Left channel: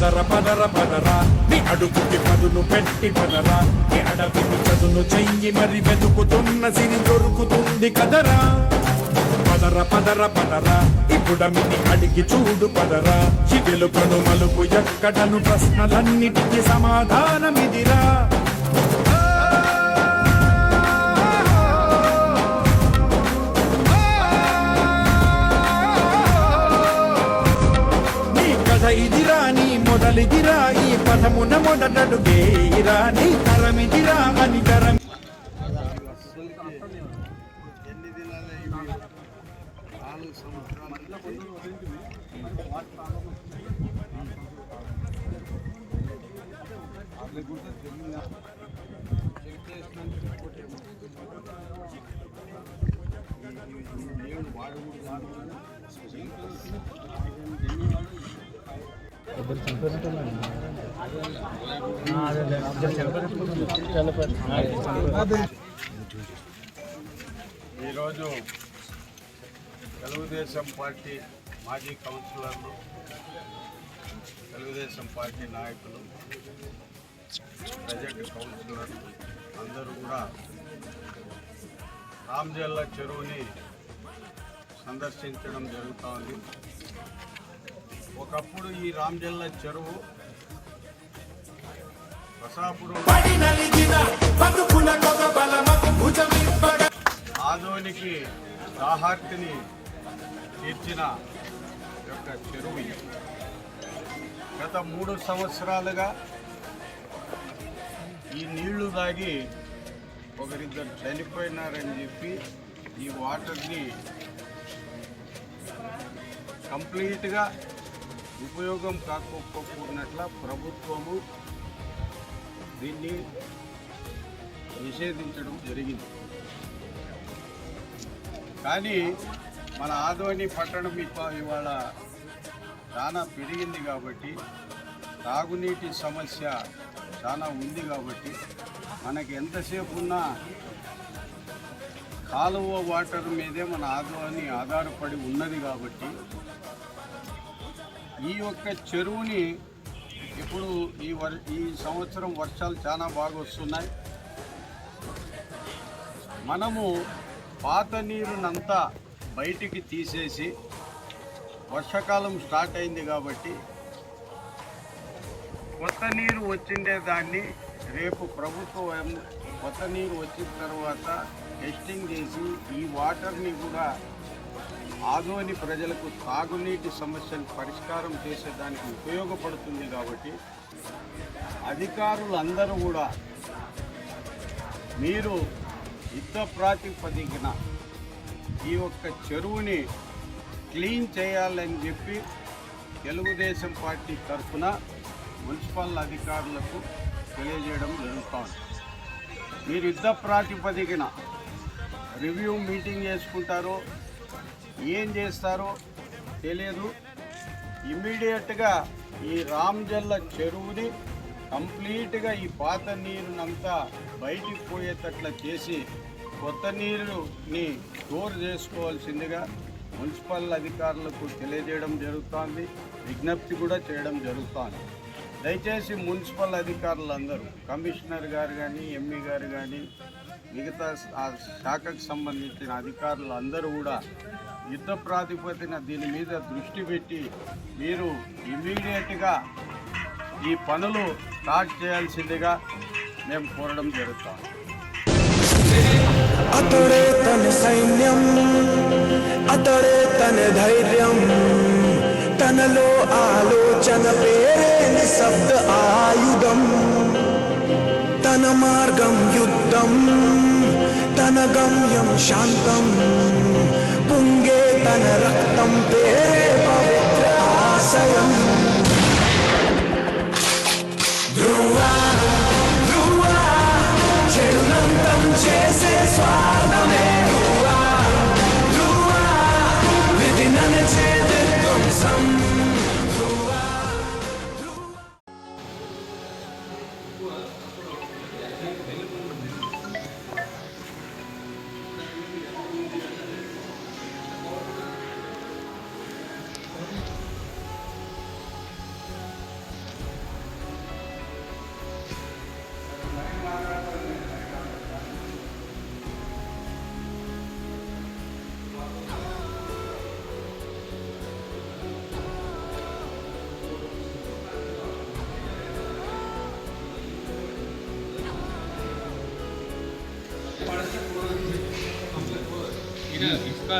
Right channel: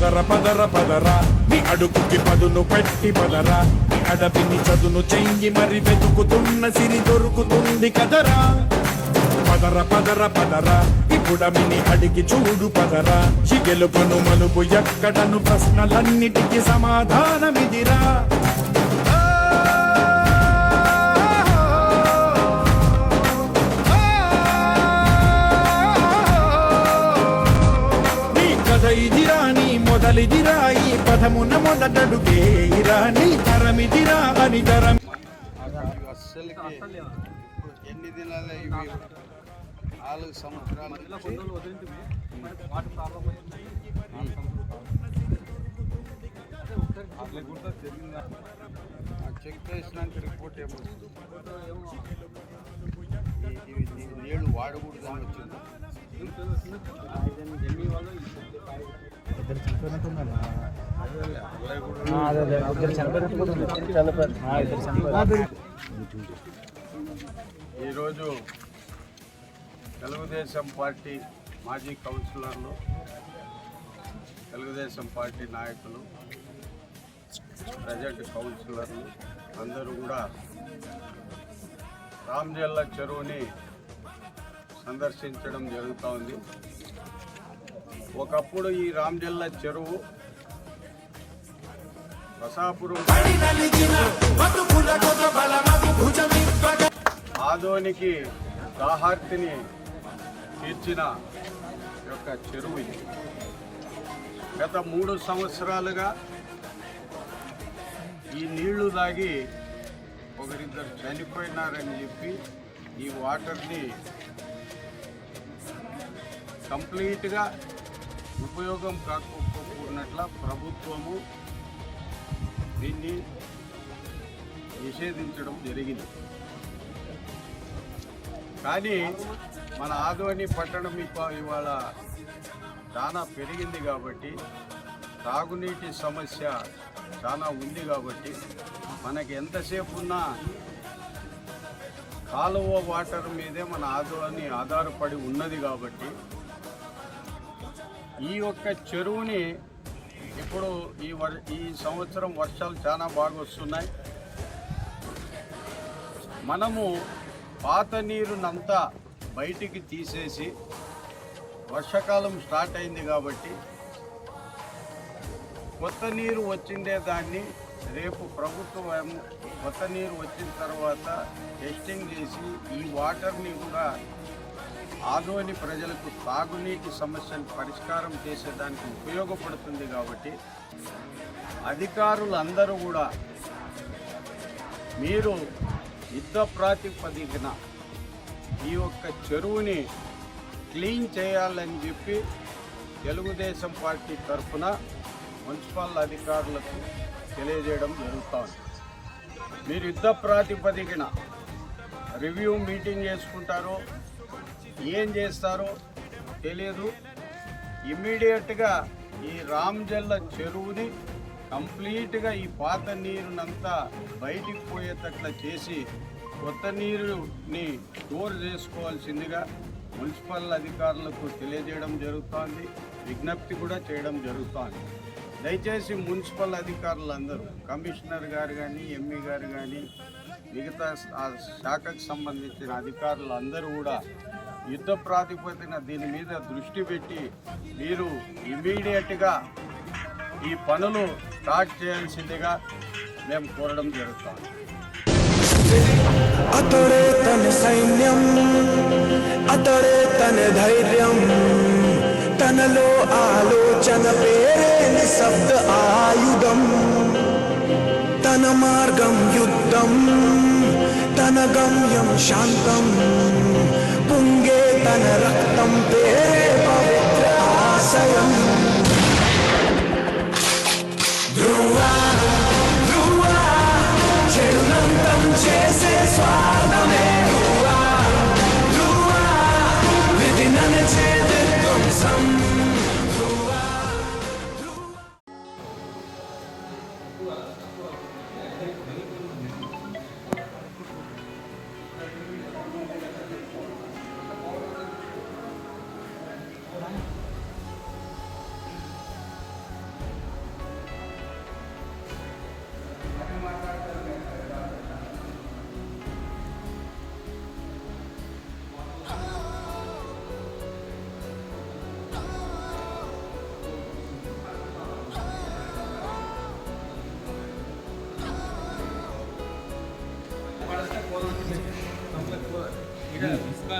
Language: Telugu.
పదర పదర పదరా నీ అడుగుకి పదును పెట్టి పదరా నీ అడవిని చదును చెయ్యి మరి వెతుకుతున్న సిరి దొరుకుతుంది కదరా పదర పదర పదరా ఇప్పుడమిని అడిగి చూడు పదరా ఈ గెలుపను మలుపు ఎక్కడను ప్రశ్నలన్నిటికీ సమాధానమిదిరా ఇదిరా నీ మొదలిదిరా ఈ పదమున మొదటడుగేయిరా నీ తరమిదిరా అని తరం ఎన్ని దినాలు ఇవి 4 సంవత్సరాల చెక్ చేసినాక రిపోర్ట్ ఏమో నీళ్ళు వాడకూడదు ఇద్దరు చనిపోయినట్టున్నా ఈరోజు తెలుగుదేశం పార్టీ మాజీ కౌన్సిలర్లు తెలుగుదేశం పార్టీ నాయకులు ప్రజెంట్ కౌన్సిలర్లు అందరూ కూడా రామ్జల్ల చెరువుని సందర్శించడం జరుగుతూ ఉంది. ఒకప్పుడు ఈ రామ్జల్ల చెరువు బసాపురం ఆదోనికి దాహార్తిని తీర్చిన యొక్క చెరువు ఇది. గత 3 సంవత్సరాలుగా ఈ నీళ్లు తాగి ఒకరిద్దరు చనిపోయినారని చెప్పి ఈ వాటర్ని కంప్లీట్గా ఉపయోగం కాకపోకున్నట్ల ప్రభుత్వము దీన్ని నిషేధించడం జరిగింది. కానీ మన ఆదోని పట్టణం ఇవాళ చాలా పెరిగింది కాబట్టి తాగునీటి సమస్య చాలా ఉంది కాబట్టి మనకి ఎంతసేపు ఉన్నా కాలువ వాటర్ మీదే మన ఆదోని ఆధారపడి ఉన్నది కాబట్టి ఈ యొక్క చెరువుని ఇప్పుడు ఈ సంవత్సరం వర్షాలు చాలా బాగా వస్తున్నాయి. మనము పాత నీరునంతా బయటికి తీసేసి వర్షాకాలం స్టార్ట్ అయింది కాబట్టి కొత్త నీరు వచ్చిండే దాన్ని రేపు ప్రభుత్వం కొత్త నీరు వచ్చిన తర్వాత టెస్టింగ్ చేసి ఈ వాటర్ని కూడా ఆదోని ప్రజలకు తాగునీటి సమస్యను పరిష్కారం చేసేదానికి ఉపయోగపడుతుంది కాబట్టి అధికారులందరూ కూడా మీరు యుద్ధ ప్రాతిపదికన ఈ యొక్క చెరువుని క్లీన్ చేయాలని చెప్పి తెలుగుదేశం పార్టీ తరఫున మున్సిపల్ అధికారులకు తెలియజేయడం జరుగుతోంది. మీరు యుద్ధ ప్రాతిపదికన రివ్యూ మీటింగ్ చేసుకుంటారో ఏం చేస్తారో తెలియదు. ఇమ్మీడియట్గా ఈ రామ్జల్ల చెరువుని కంప్లీట్గా ఈ పాత నీరునంతా బయటికి పోయేటట్లా చేసి కొత్త నీరుని స్టోర్ చేసుకోవాల్సిందిగా మున్సిపల్ అధికారులకు తెలియజేయడం జరుగుతోంది. విజ్ఞప్తి కూడా చేయడం జరుగుతోంది. దయచేసి మున్సిపల్ అధికారులందరూ కమిషనర్ గారు కానీ ఎంఈ గారు కానీ మిగతా శాఖకు సంబంధించిన అధికారులు అందరూ కూడా యుద్ధ ప్రాతిపదికన దీని మీద దృష్టి పెట్టి మీరు ఇమీడియట్గా ఈ పనులు స్టార్ట్ చేయాల్సిందిగా మేము కోరడం జరుగుతాం. అతడే తన సైన్యం, అతడే తన ధైర్యం, తనలో ఆలోచన పేరే నిశ్శబ్ద ఆయుధం. తన మార్గం యుద్ధం, తన గమ్యం శాంతం, పొంగే తన రక్తం పేరే పవిత్ర ఆశయం. ధ్రువా ధ్రువా చెడునంతం చేసే స్వార్థమే ధ్రువా ధ్రువా విధి ననచే ధ్వంసం. ఇసుక